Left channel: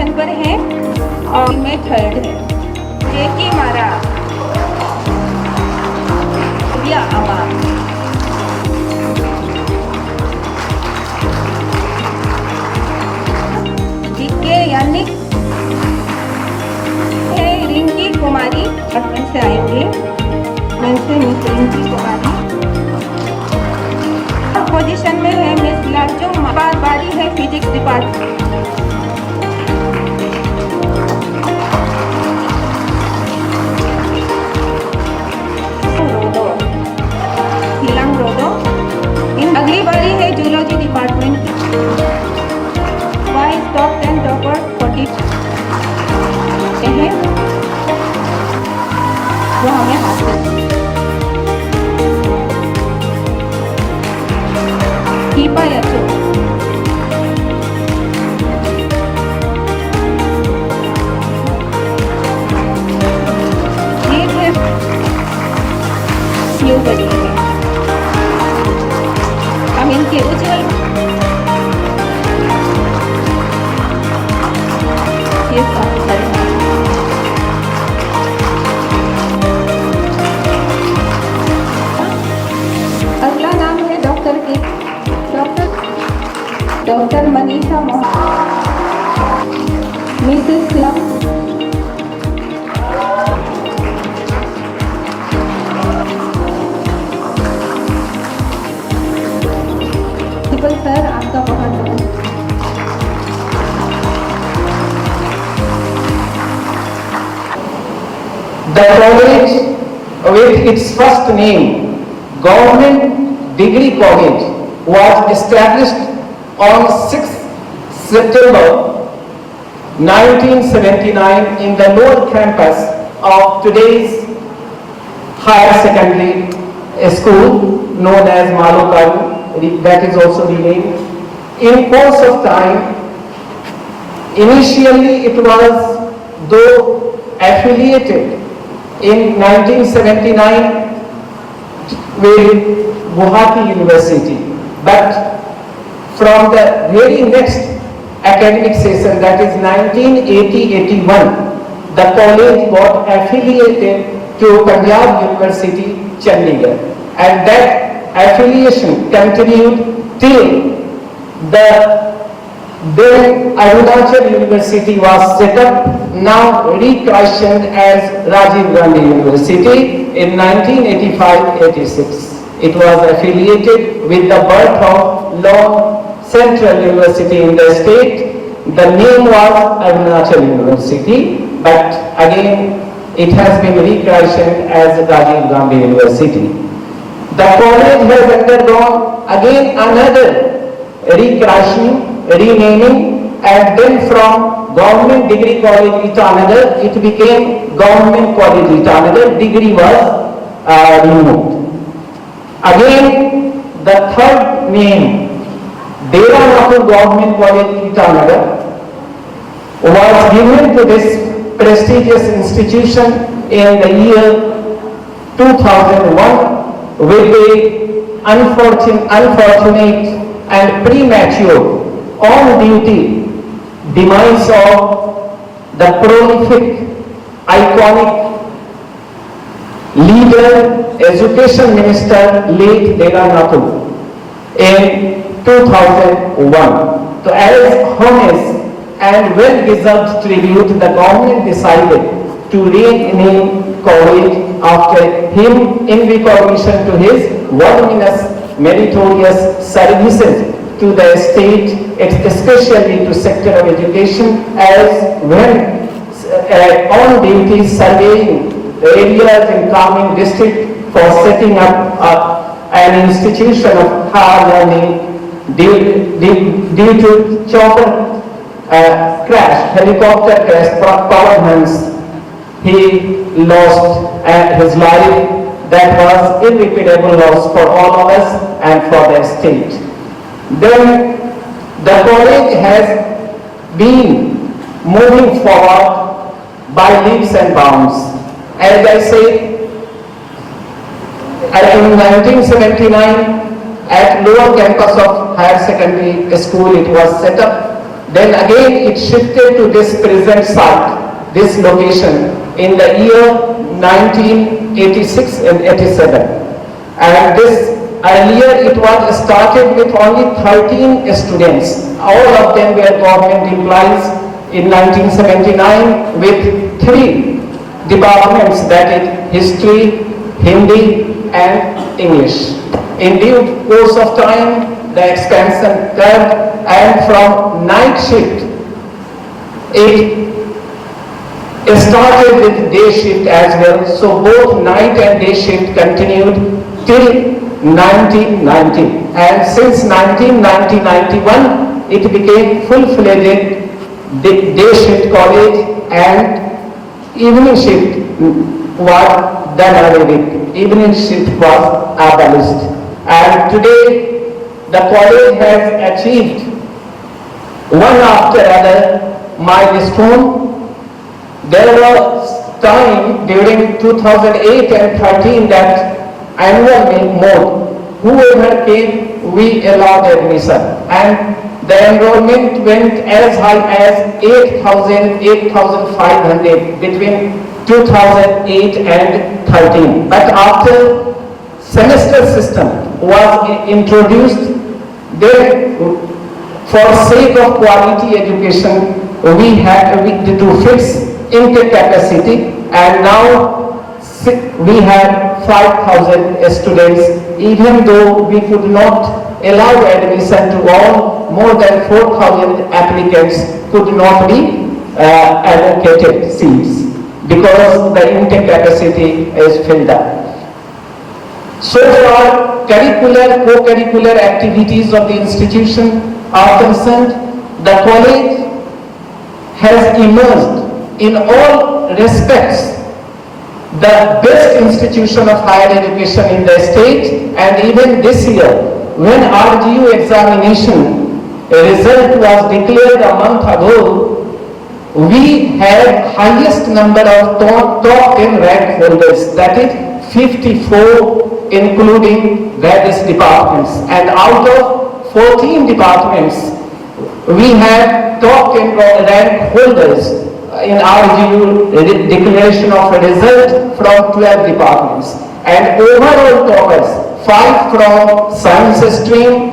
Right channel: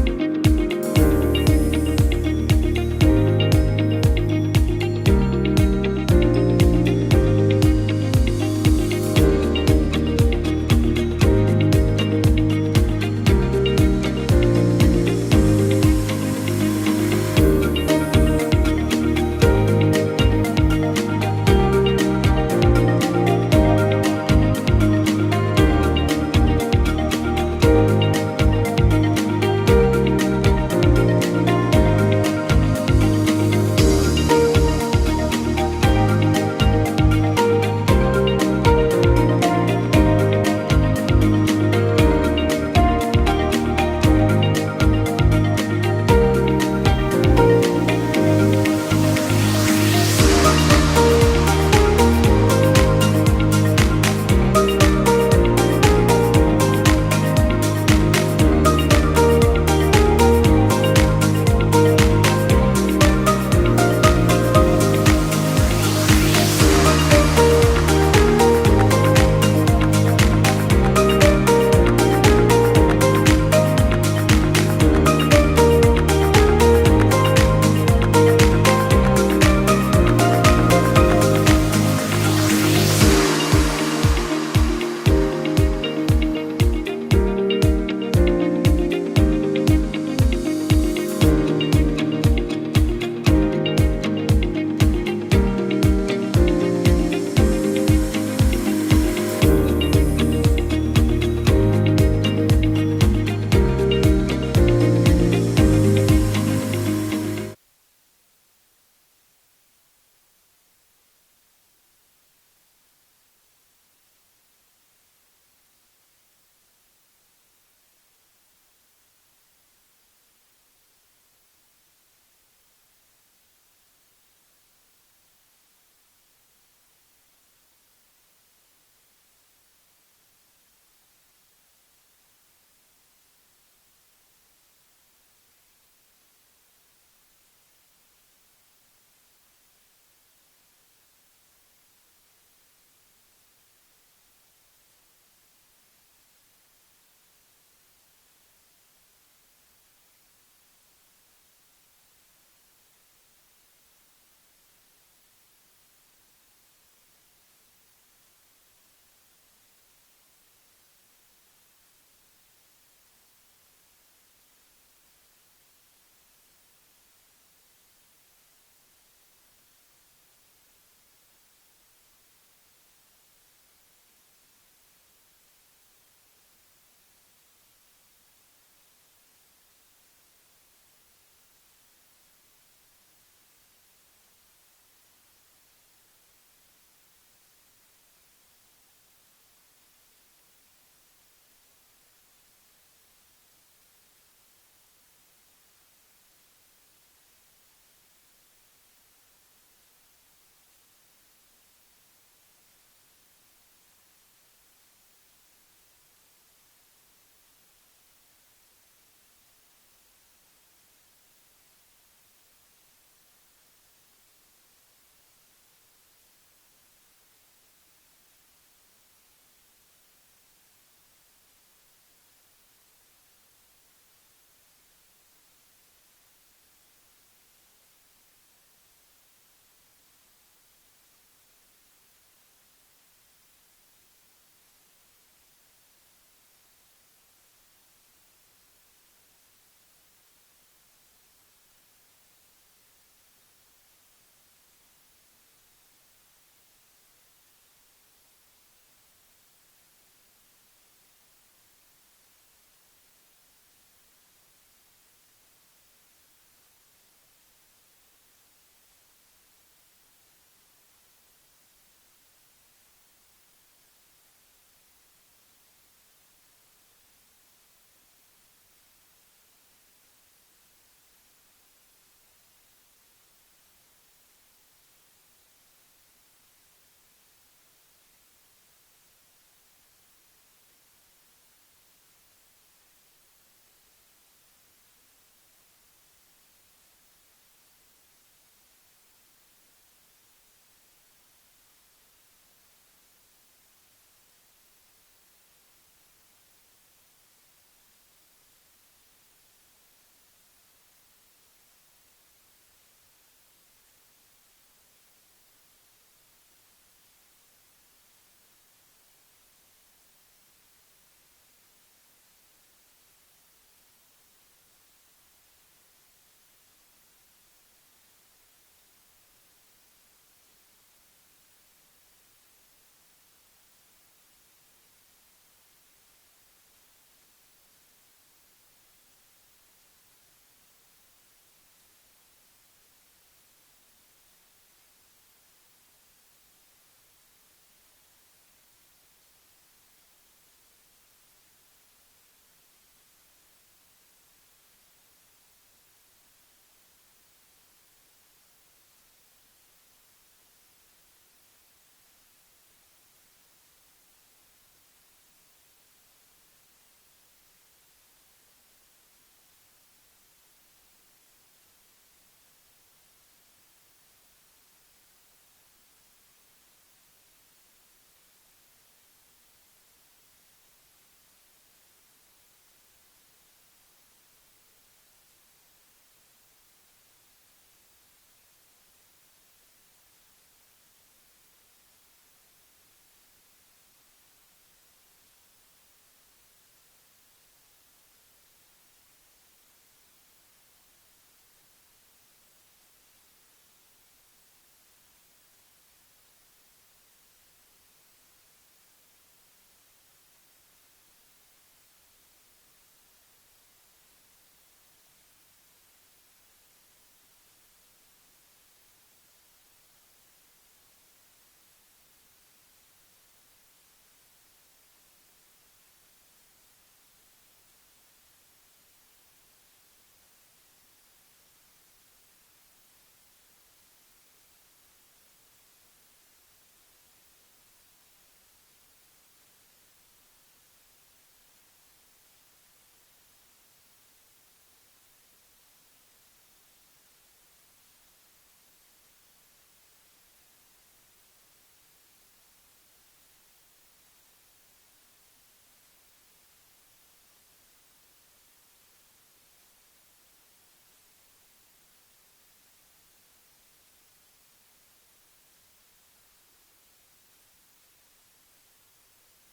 Position पर है और में थर्ड है। जेके मारा या आवाज जीके यानी रिंकी कुमारी से आएंगे। रिंकी कुमारी पोजीशन में है मिस लाजो। बारी है फिजिक्स डिपार्टमेंट। अगली बारी है zoology department. Vice top 10 toppers 40 हैं जो हमें हासिल दीपा यशो। ये बच्चे हम इनके उज्जवल ये काफी सारे अगला नाम है doctor Manisha Mrs lump. Sir आपका बहुत बहुत The college, with its first name, Government Degree College, was established on 6th September 1979 in the lower campus of today's higher secondary school known as Malokaru. That is also renamed. In course of time, initially it was though affiliated in 1979 with Guwahati University, but from the very next academic session, that is 1980-81, the college got affiliated to Punjab University, Chandigarh, and that affiliation continued till the then Arunachal University was set up, now rechristened as Rajiv Gandhi University in 1985-86. It was affiliated with the birth of Law Central University in the state. The name was Arunachal University, but again it has been rechristened as Rajiv Gandhi University. The college has undergone again another rechristening, renaming, and then from Government Degree College Itanagar, it became Government College Itanagar. Degree was removed. Again, the third name, Dera Nathur Government College Itanagar, was given to this prestigious institution in the year 2001 with the unfortunate and premature on-duty demise of the prolific, iconic leader, education minister, late Dera Nathur, in 2001. So as honest and well-deserved tribute, the government decided to rename college after him in recognition to his voluminous meritorious services to the state, especially to sector of education, as when on duty surveying the areas in Kaming district for setting up an institution of higher learning due to chopper crash, helicopter crash, power hands, he lost his life. That was irreparable loss for all of us and for the state. Then the college has been moving forward by leaps and bounds. As I said, in 1979, at lower campus of higher secondary school, it was set up. Then again it shifted to this present site, this location in the year 1986 and 87. And this earlier it was started with only 13 students. All of them were government employees in 1979 with 3 departments, that is history, Hindi and English. In due course of time, the expansion curve, and from night shift, it started with day shift as well. So both night and day shift continued till 1990. And since 1990-91, it became full-fledged day shift college, and evening shift was done away with. Evening shift was abolished. And today, the college has achieved one after another milestone. There was time during 2008 and 13 that annual mode, whoever came, we allowed admission. And the enrollment went as high as 8,000, 8,500 between 2008 and 13. But after semester system was introduced, then for sake of quality education, we had to fix intake capacity, and now we have 5,000 students. Even though we could not allow admission to all, more than 4,000 applicants could not be allocated seats because the intake capacity is filled up. So far, curricular, co-curricular activities of the institution are concerned, the college has emerged in all respects the best institution of higher education in the state. And even this year, when RGU examination result was declared a month ago, we had highest number of top 10 rank holders, that is 54, including various departments. And out of 14 departments, we had top 10 rank holders in RGU declaration of a result from 12 departments. And overall toppers, 5 from science stream,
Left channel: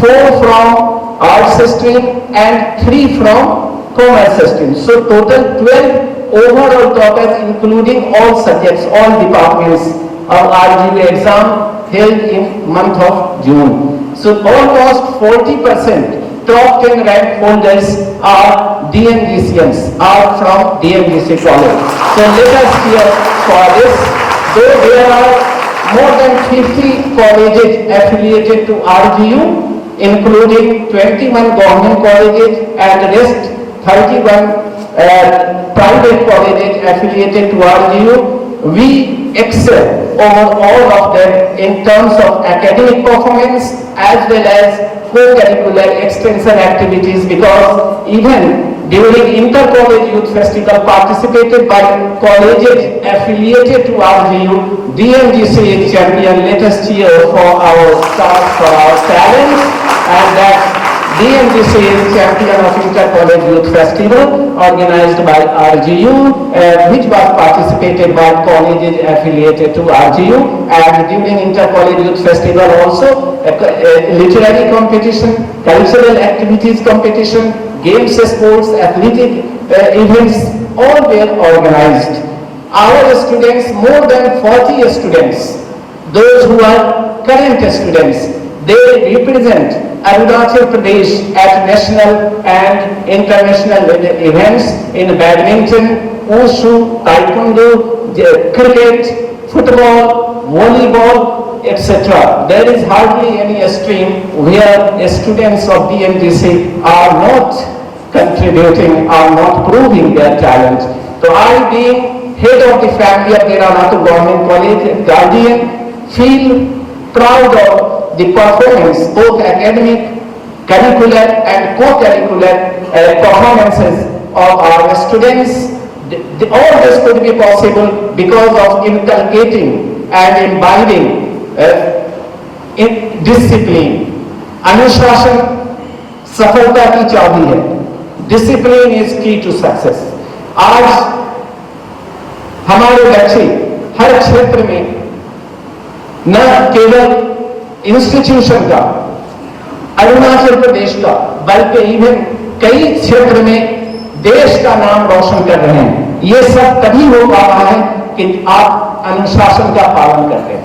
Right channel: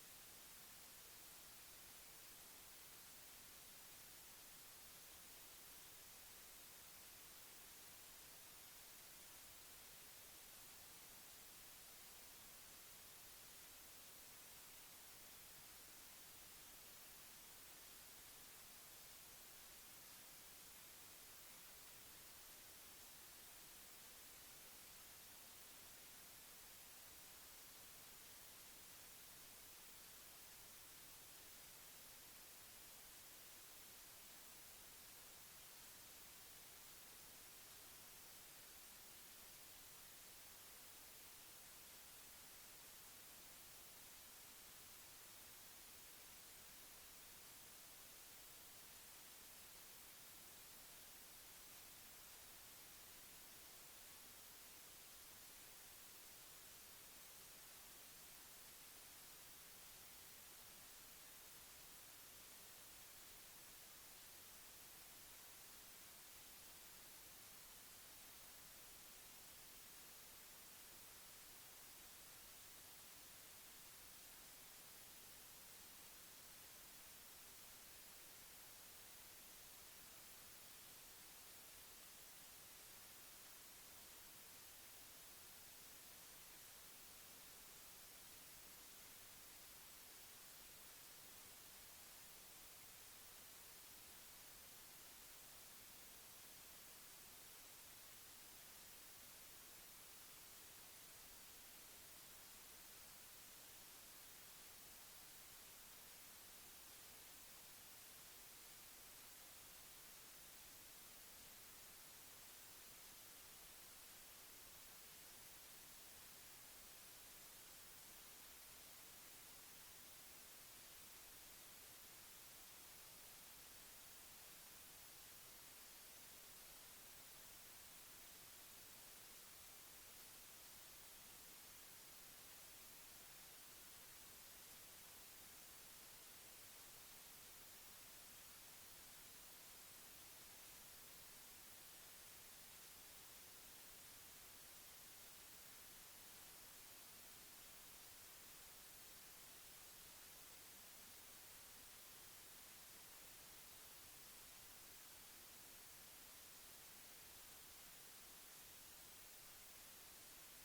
4 from arts stream, and 3 from commerce stream. So total 12 overall toppers, including all subjects, all departments of RGU exam held in month of June. So almost 40% top 10 rank holders are DMGCians, are from DMGC college. So let us hear for this. Though there are more than 50 colleges affiliated to RGU, including 21 government colleges and the rest 31 private colleges affiliated to RGU, we excel over all of them in terms of academic performance as well as co-curricular extension activities, because even during Inter-College Youth Festival participated by colleges affiliated to RGU, DMGC is champion. Let us cheer for our stars, for our talents, and that DMGC is champion of Inter-College Youth Festival organized by RGU, which was participated by colleges affiliated to RGU. And during Inter-College Youth Festival also, literary competition, cultural activities competition, games, sports, athletic events, all were organized. Our students, more than 40 students, those who are current students, they represent Arunachal Pradesh at national and international events in badminton, wushu, taekwondo, cricket, football, volleyball, etc. There is hardly any stream where students of DMGC are not contributing, are not proving their talent. So I, being head of the family of Dera Nathur Government College, guardian, feel proud of the performance, both academic, curricular and co-curricular performances of our students. All this could be possible because of inculcating and imbibing in discipline. अनुशासन सफलता की चाबी है. Discipline is की to success. आज हमारे बच्चे हर क्षेत्र में न केवल इंस्टीट्यूशन का, अरुणाचल प्रदेश का, बल्कि इवन कई क्षेत्र में देश का नाम रोशन कर रहे हैं। ये सब तभी हो पा रहा है कि आप अनुशासन का पालन करते हैं।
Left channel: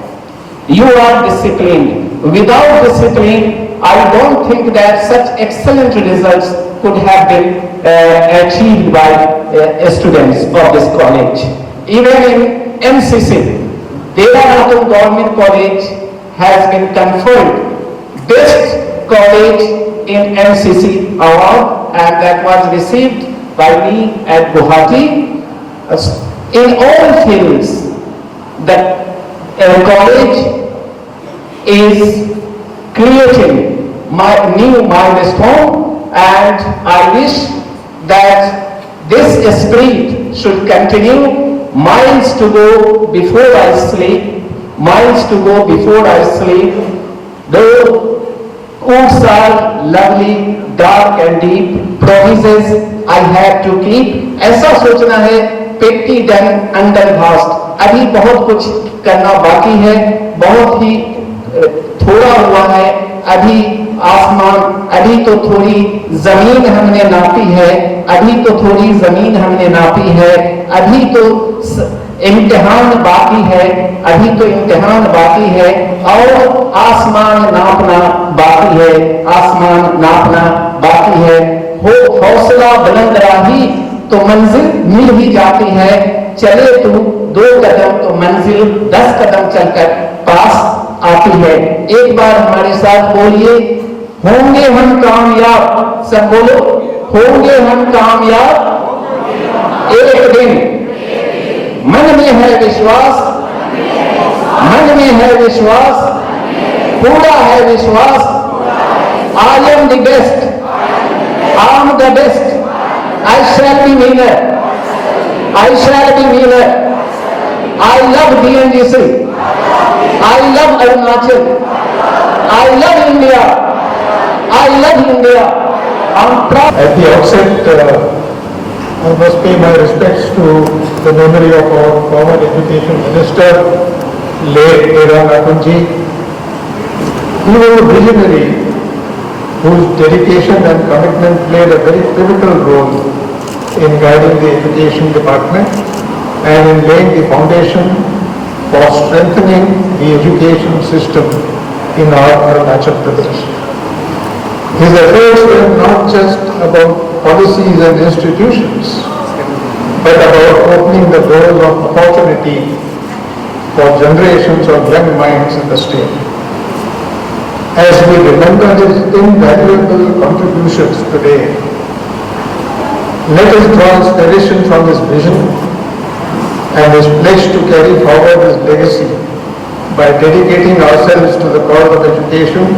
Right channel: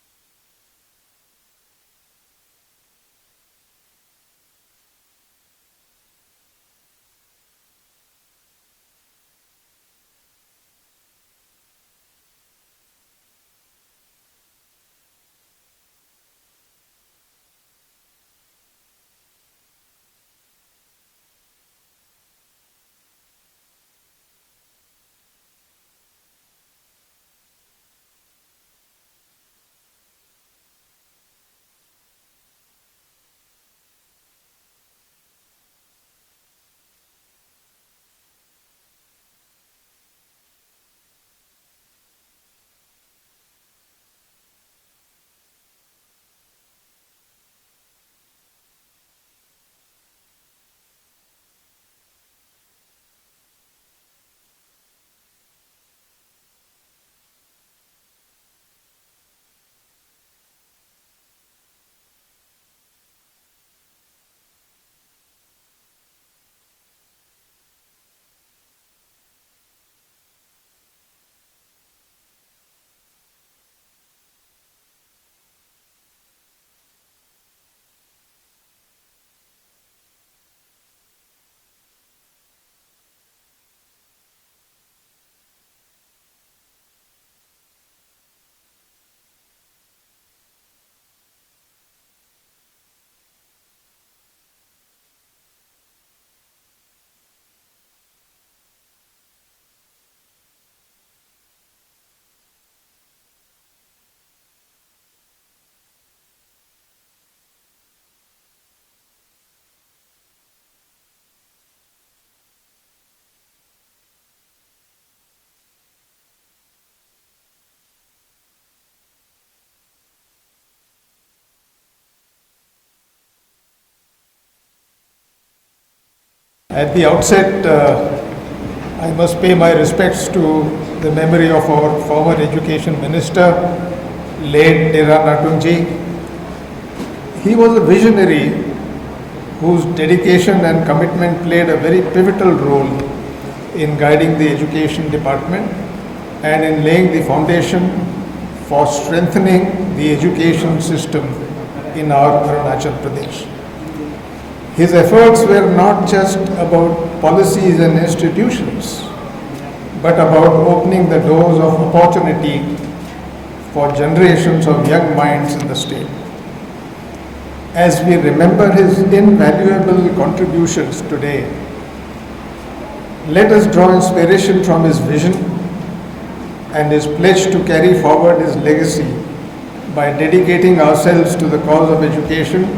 You are disciplined. Without discipline, I don't think that such excellent results could have been achieved by students of this college. Even in MCC, Dera Natul Government College has been conferred Best College in MCC award, and that was received by me at Guwahati. In all fields, the college is creating my new milestone, and I wish that this spirit should continue. Miles to go before I sleep, miles to go before I sleep. Though woods are lovely, dark and deep, promises I have to keep. ऐसा सोचना है, पेटी done under घास्ट। अभी बहुत कुछ करना बाकी है, बहुत ही थोड़ा हुआ है। अभी आसमान, अभी तो थोड़ी जमीन हमने नापी है, अभी तो थोड़ी जमीन हमने नापी है, अभी तो इम्तिहान बाकी है, अभी तो इम्तिहान बाकी है, और आसमान नापना बाकी है, आसमान नापना बाकी है। हो हौसला बुलंद राही तो मंजिल मिल ही जाती है, चले तू 2 कदम तो मंजिल 10 कदम चलकर पास आती है। एक बार हमारे साथ बोलिए, होंगे हम कामयाब। सब बोलो, होंगे हम कामयाब एक दिन। मन में है विश्वास, मन में है विश्वास, पूरा है विश्वास। I am the best, I am the best, I shall be winner, I shall be winner. I love DNGC, I love Arunachal, I love India, I love India. I'm proud. At the outset, I must pay my respects to the memory of our former Education Minister, late Dera Natul ji. He was a visionary whose dedication and commitment played a very pivotal role in guiding the Education Department and in laying the foundation for strengthening the education system in our Arunachal Pradesh. His efforts were not just about policies and institutions, but about opening the doors of opportunity for generations of young minds in the state. As we remember his invaluable contributions today, let us draw inspiration from his vision and his pledge to carry forward his legacy by dedicating ourselves to the cause of education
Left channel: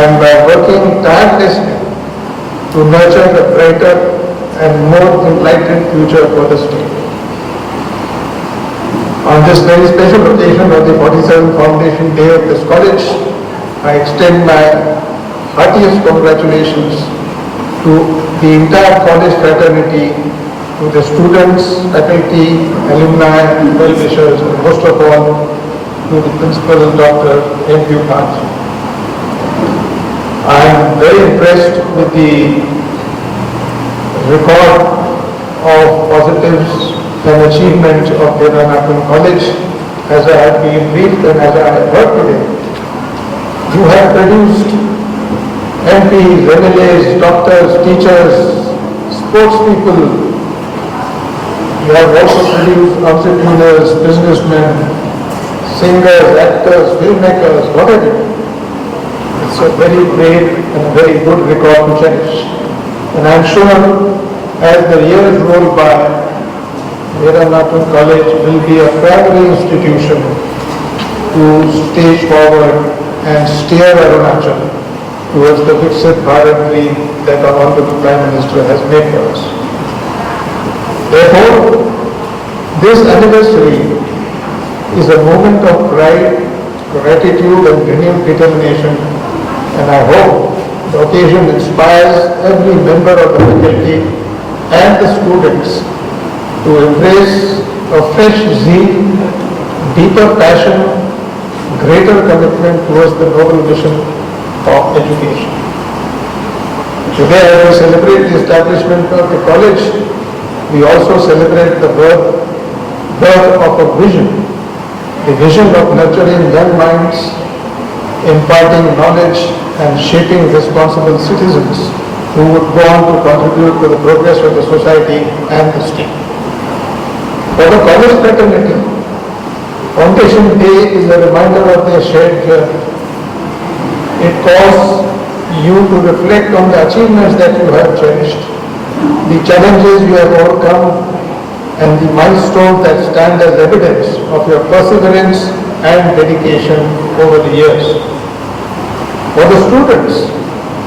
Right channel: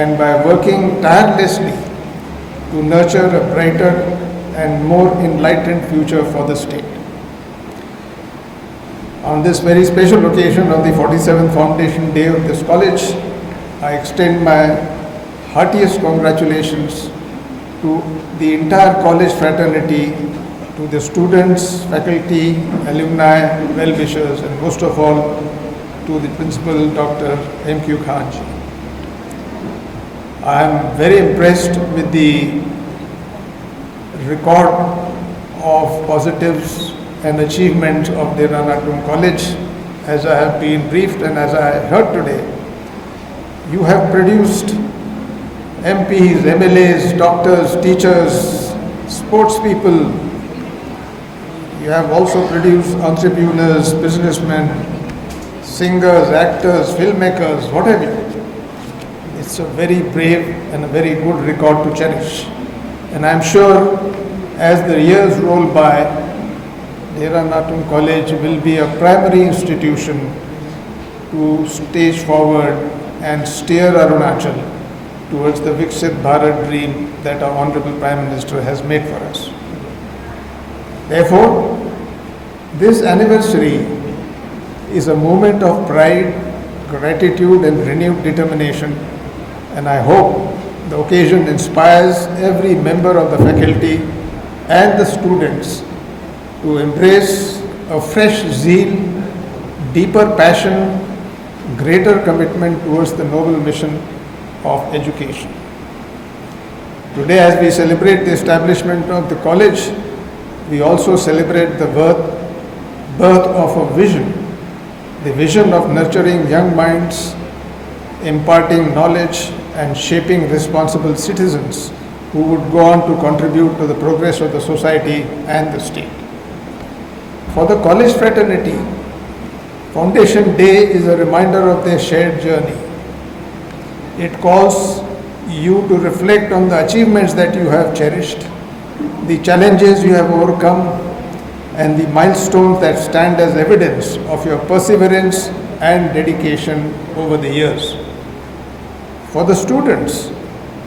and by working tirelessly to nurture a brighter and more enlightened future for the state. On this very special occasion of the 47th Foundation Day of this college, I extend my heartiest congratulations to the entire college fraternity, to the students, faculty, alumni, well-wishers, and most of all, to the Principal, Dr. M.Q. Khan. I am very impressed with the record of positives and achievements of Dera Natul College. As I have been briefed and as I have heard today, you have produced MPs, MLAs, doctors, teachers, sports people. You have also produced entrepreneurs, businessmen, singers, actors, filmmakers, what have you. It's a very brave and a very good record to cherish. And I'm sure as the years roll by, Dera Natul College will be a primary institution to stage forward and steer Arunachal towards the Viksit Bharat dream that our Honorable Prime Minister has made for us. Therefore, this anniversary is a moment of pride, gratitude and renewed determination, and I hope The occasion inspires every member of the faculty and the students to embrace a fresh zeal, deeper passion, greater commitment towards the noble mission of education. Today, as we celebrate the establishment of the college, we also celebrate the birth of a vision, the vision of nurturing young minds, imparting knowledge and shaping responsible citizens who would go on to contribute to the progress of the society and the state. For the college fraternity, Foundation Day is a reminder of their shared journey. It calls you to reflect on the achievements that you have cherished, the challenges you have overcome, and the milestones that stand as evidence of your perseverance and dedication over the years. For the students,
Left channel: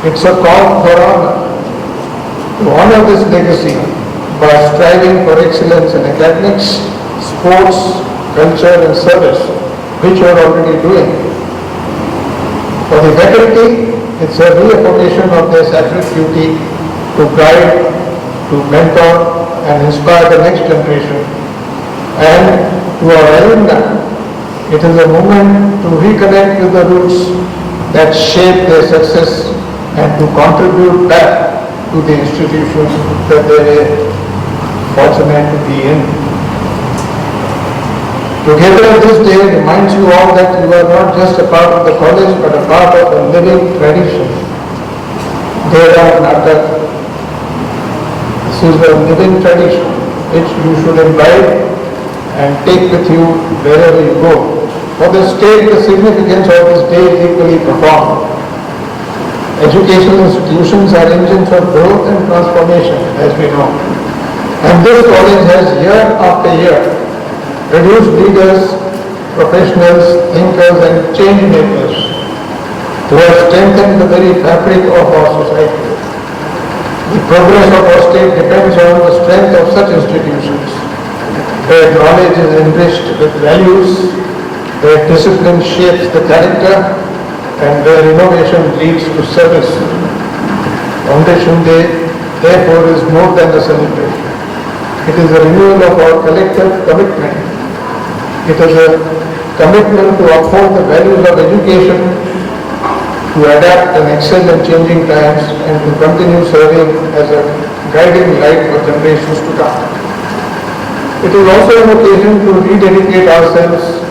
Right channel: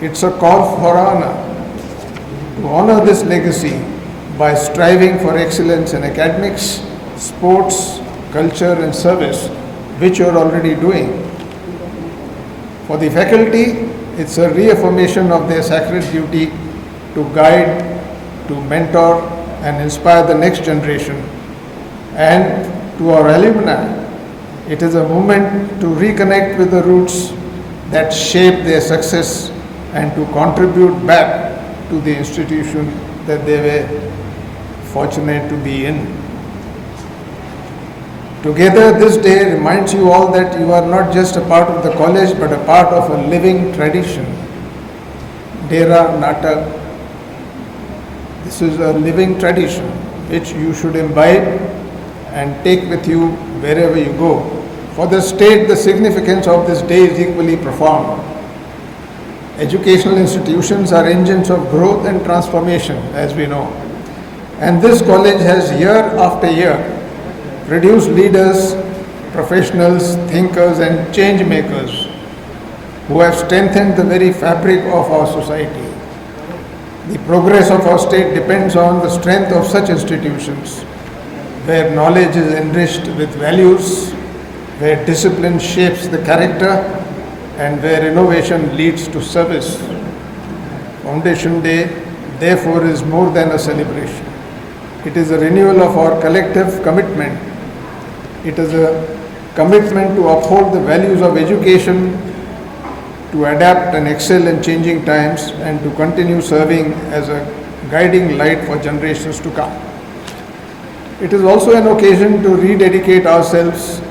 it's a call for honor to honor this legacy by striving for excellence in academics, sports, culture and service, which you are already doing. For the faculty, it's a reaffirmation of their sacred duty to guide, to mentor and inspire the next generation. And to our alumni, it is a moment to reconnect with the roots that shape their success and to contribute back to the institution that they were fortunate to be in. Together, this day reminds you all that you are not just a part of the college, but a part of a living tradition. Dera Natak. This is a living tradition which you should imbibe and take with you wherever you go. For the state, the significance of this day is equally profound. Educational institutions are engines of growth and transformation, as we know. And this college has year after year produced leaders, professionals, thinkers and change makers who have strengthened the very fabric of our society. The progress of our state depends on the strength of such institutions, where knowledge is enriched with values, where discipline shapes the character, and where innovation leads to service. Foundation Day, therefore, is more than a celebration. It is a renewal of our collective commitment. It is a commitment to uphold the values of education, to adapt and excel in changing times, and to continue serving as a guiding light for generations to come. It is also an occasion to rededicate ourselves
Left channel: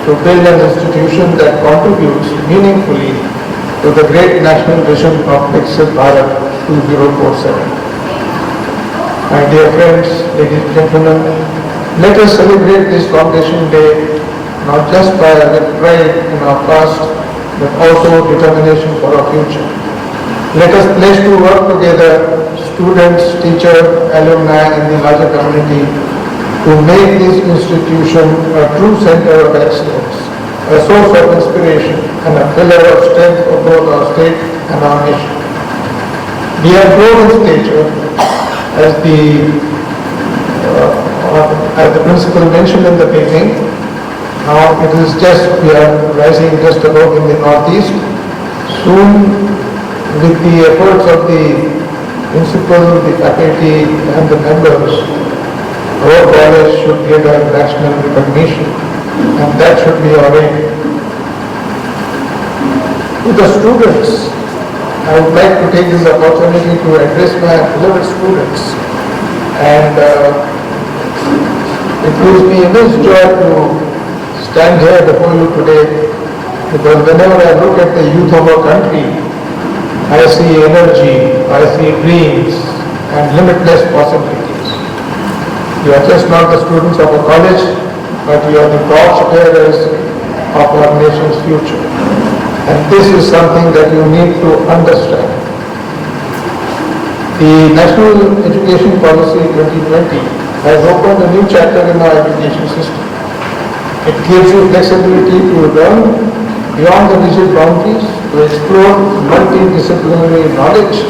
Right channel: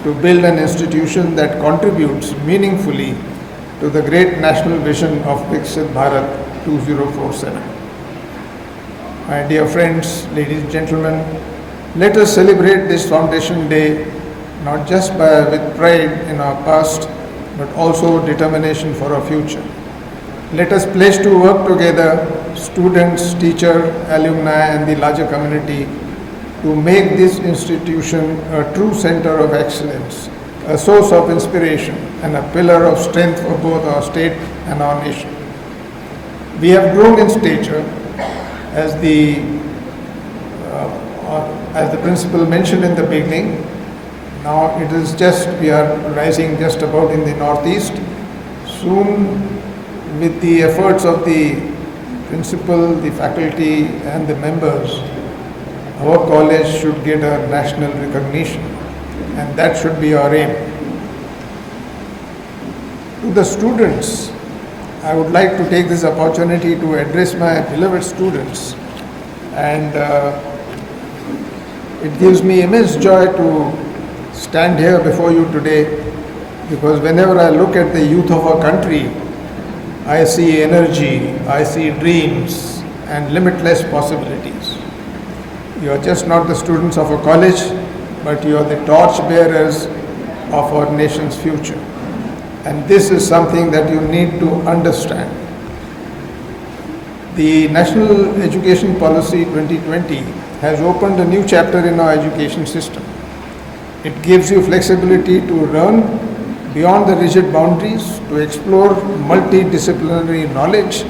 to build an institution that contributes meaningfully to the great national vision of Viksit Bharat 2047. My dear friends, ladies and gentlemen, let us celebrate this Foundation Day not just with pride in our past, but also determination for our future. Let us pledge to work together, students, teachers, alumni and the larger community, to make this institution a true center of excellence, a source of inspiration and a pillar of strength for both our state and our nation. We have grown in stature, as the principal mentioned in the beginning. Now it is just, we are rising just above in the northeast. Soon, with the efforts of the principal, the faculty and the members, our college should get a national recognition, and that should be our aim. To the students, I would like to take this opportunity to address my beloved students, and it gives me immense joy to stand here before you today, because whenever I look at the youth of our country, I see energy, I see dreams and limitless possibilities. You are just not the students of a college, but you are the torch bearers of our nation's future. And this is something that you need to understand. The National Education Policy 2020 has opened a new chapter in our education system. It gives you flexibility to learn beyond the rigid boundaries, to explore multidisciplinary knowledge,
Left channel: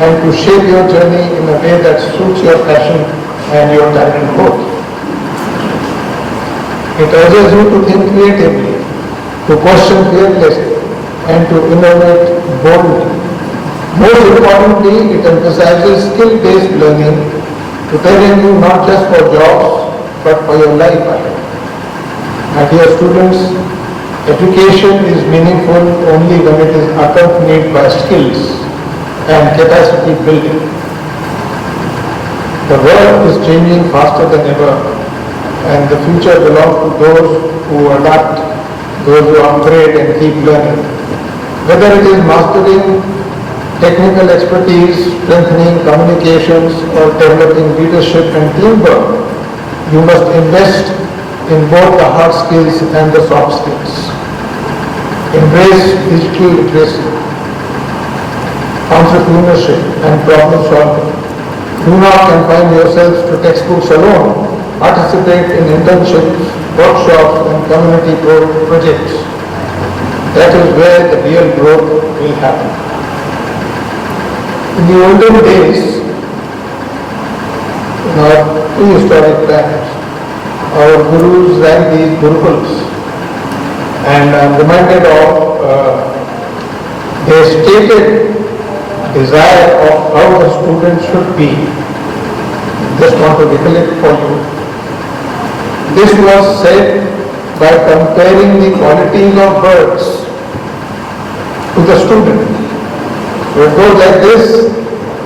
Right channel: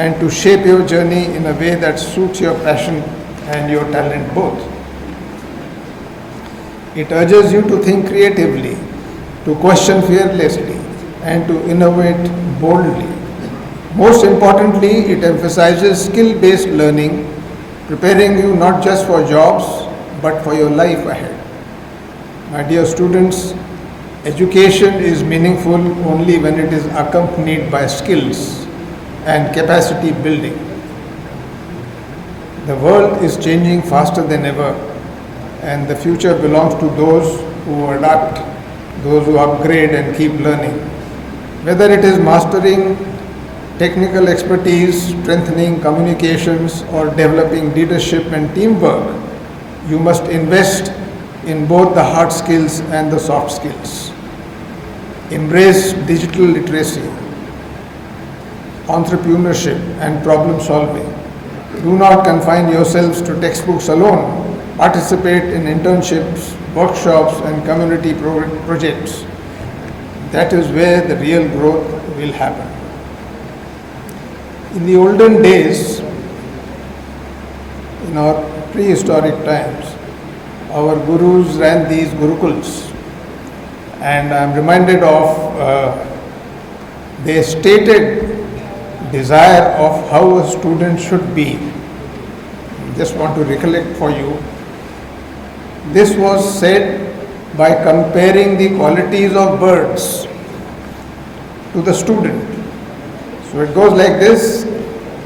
and to shape your journey in a way that suits your passion and your talent both. It urges you to think creatively, to question fearlessly, and to innovate boldly. Most importantly, it emphasizes skill-based learning, preparing you not just for jobs, but for your life ahead. My dear students, education is meaningful only when it is accompanied by skills and capacity building. The world is changing faster than ever, and the future belongs to those who adapt, those who upgrade and keep learning. Whether it is mastering technical expertise, strengthening communications, or developing leadership and teamwork, you must invest in both the hard skills and the soft skills. Embrace digital literacy, entrepreneurship, and problem solving. Do not confine yourselves to textbooks alone. Participate in internships, workshops, and community projects. That is where the real growth will happen. In the olden days, in our prehistoric times, our gurus ran these gurukuls, and I'm reminded of their stated desire of how a student should be. Just want to recollect for you. This was said by comparing the qualities of birds to the student. So it goes like this:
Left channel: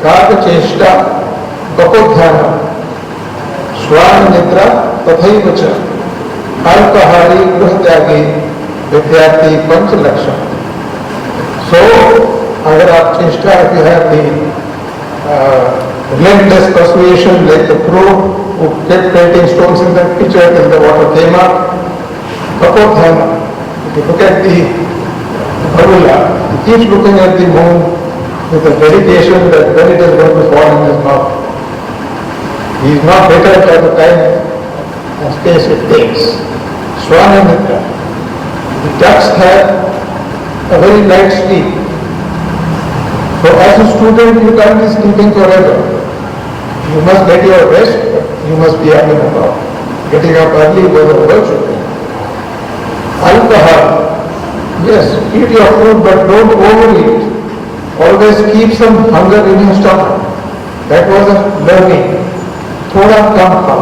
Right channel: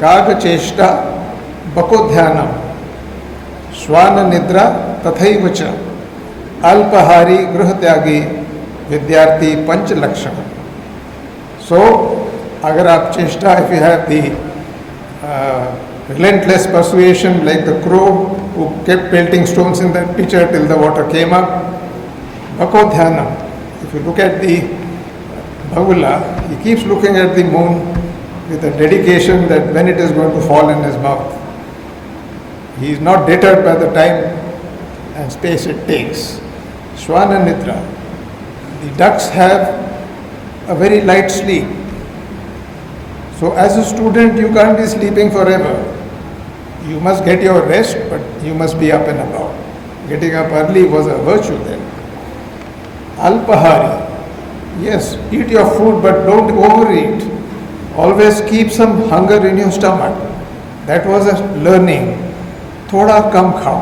Karma Cheshta, Pakodhyana, Swana Nidra, Tathaiva cha, Alpahari Gruhatyagi, Vidyarthi Panch Laksha. So, agar aap cheshta, if you have the relentless persuasion like the crow who kept pelting stones in that pitcher till the water came up, Pakodhyana, if you look at the Bharula, he keeps looking at the moon with a dedication that when it is going to fall in his mouth. He is not deterred by the time and space it takes. Swana Mitra. The ducks have a very light sleep. So as a student, you can't be sleeping forever. You must get your rest, but you must be up and about. Getting up early was a virtue thing. Alpahari. Yes, eat your food, but don't overeat. Always keep some hunger in your stomach. That was a learning. Thoda kam khao.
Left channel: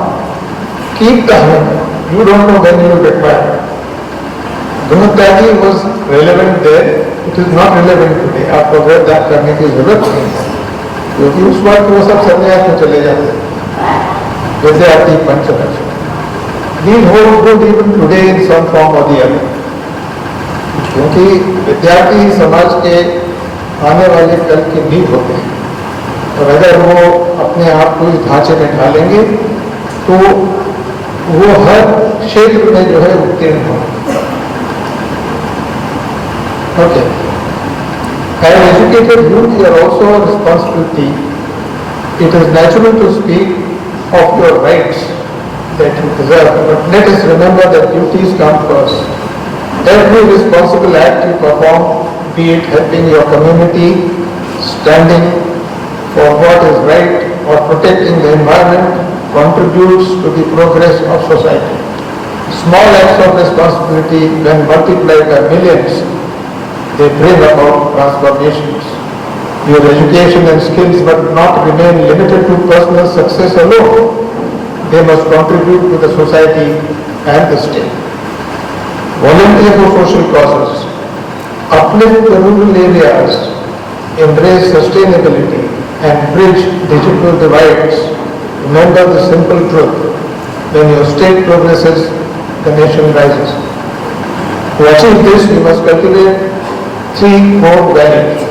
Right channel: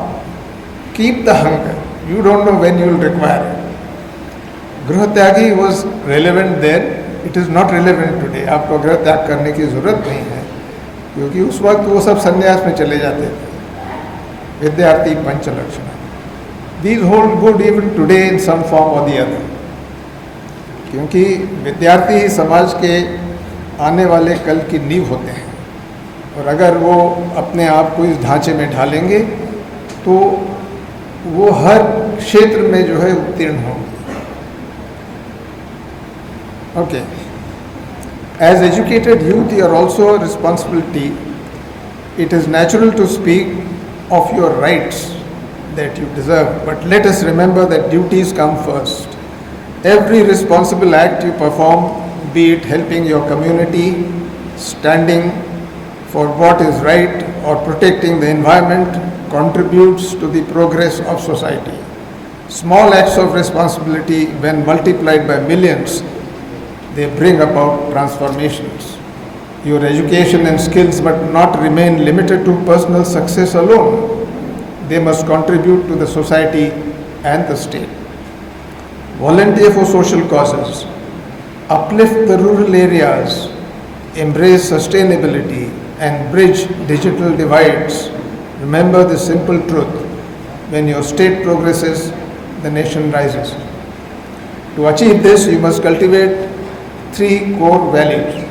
Keep the hunger. You don't know when you will require it. Gruhatyagi was relevant there. It is not relevant today. आपको अगर त्याग करने की जरूरत नहीं है, क्योंकि उस वक्त वो सब संन्यास में चले जाते हैं. विद्यार्थी पंचलक्ष. These hold good even today in some form or the other. क्योंकि विद्यार्थी समाज के आने वाले कल की नींव होते हैं, और अगर वो अपने आप को इस ढांचे में ढालेंगे तो वो हर क्षेत्र में जो है उत्तीर्ण होंगे. Okay. As educated youth, you are also a responsibility. It is natural to speak of your rights that you deserve, but let us remember that duties come first. Every responsible act you perform, be it helping your community, standing for what is right, or protecting the environment, contributes to the progress of society. Small acts of responsibility, when multiplied by millions, they bring about transformations. Your education and skills must not remain limited to personal success alone. They must contribute to the society and the state. Volunteer for social causes. Uplift the rural areas. Embrace sustainability and bridge digital divides. Remember the simple truth. When your state progresses, the nation rises. To achieve this, you must cultivate three core values.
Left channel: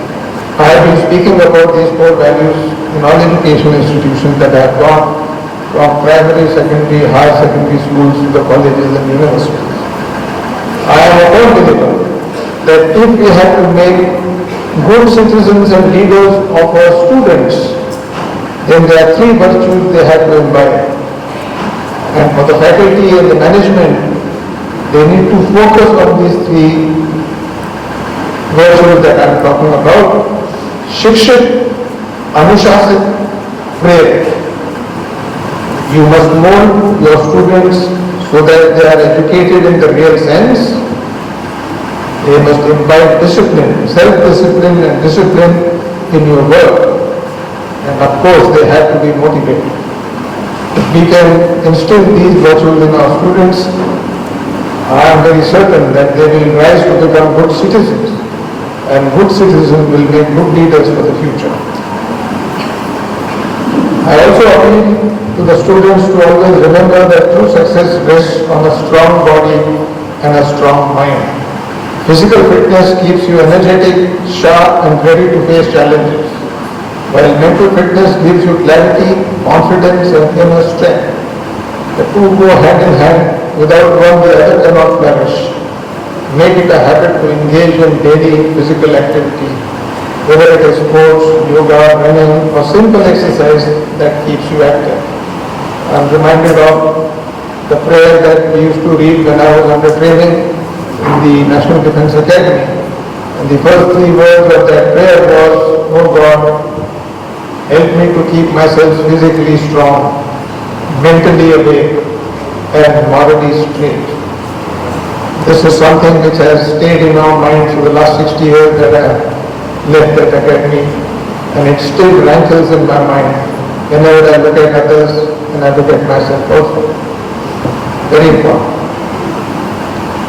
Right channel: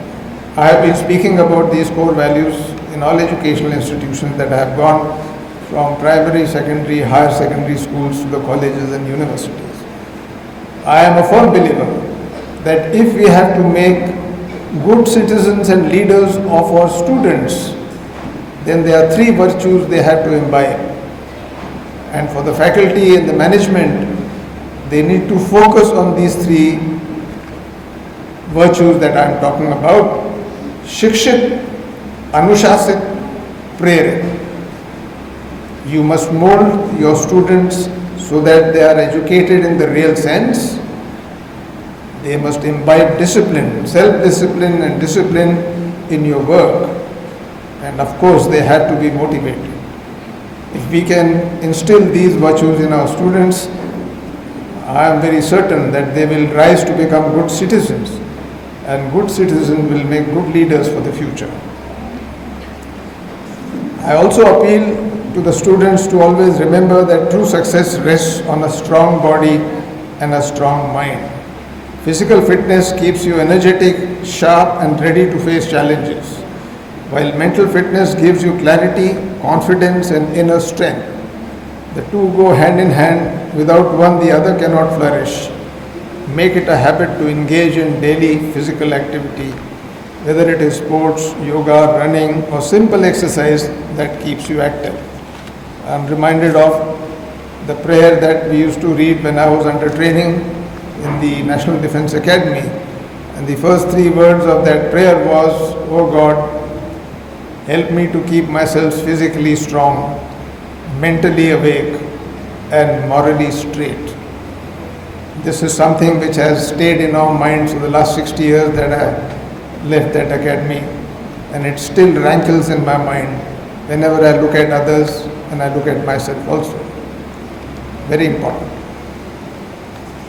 I have been speaking about these core values in all educational institutions that I have gone, from primary, secondary, higher secondary schools to the colleges and universities. I am a firm believer that if we have to make good citizens and leaders of our students, then there are three virtues they have to imbibe. And for the faculty and the management, they need to focus on these three virtues that I am talking about. Shikshit, Anushasat, Prerit. You must mold your students so that they are educated in the real sense. They must imbibe discipline, self-discipline and discipline in your work, and of course they have to be motivated. If we can instill these virtues in our students, I am very certain that they will rise to become good citizens, and good citizens will make good leaders for the future. I also appeal to the students to always remember that true success rests on a strong body and a strong mind. Physical fitness keeps you energetic, sharp and ready to face challenges, while mental fitness gives you clarity, confidence and inner strength. The two go hand in hand. Without one, the other cannot flourish. Make it a habit to engage in daily physical activity, whether it is sports, yoga, running or simple exercise that keeps you active. I am reminded of the prayer that we used to read when I was under training in the National Defence Academy. And the first three words of that prayer was, "Oh God, help me to keep myself physically strong, mentally awake and morally straight." This is something which has stayed in our minds for the last 60 years that I have left that academy, and it still rankles in my mind whenever I look at others and I look at myself also. Very important.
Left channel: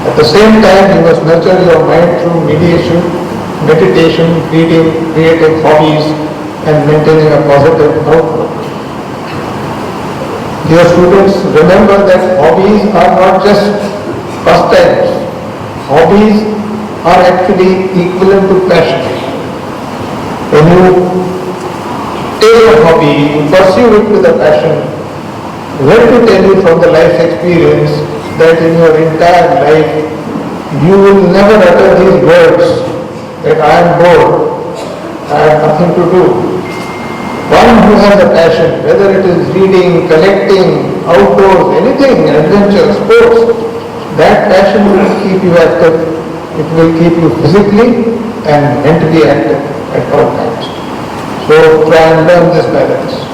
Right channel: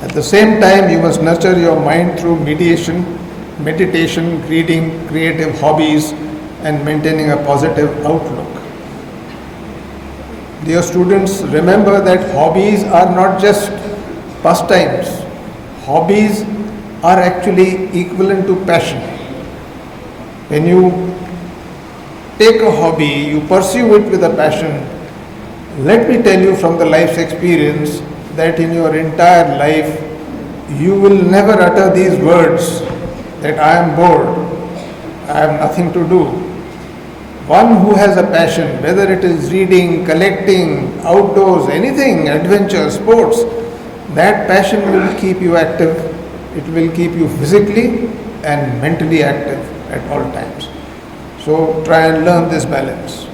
At the same time, you must nurture your mind through meditation, reading, creative hobbies, and maintaining a positive outlook. Dear students, remember that hobbies are not just pastimes. Hobbies are actually equivalent to passion. When you take a hobby, you pursue it with a passion, let me tell you from the life's experience that in your entire life, you will never utter these words that I am bored, I have nothing to do. One who has a passion, whether it is reading, collecting, outdoors, anything, adventure, sports, that passion will keep you active. It will keep you physically and mentally active at all times. So try and learn this balance.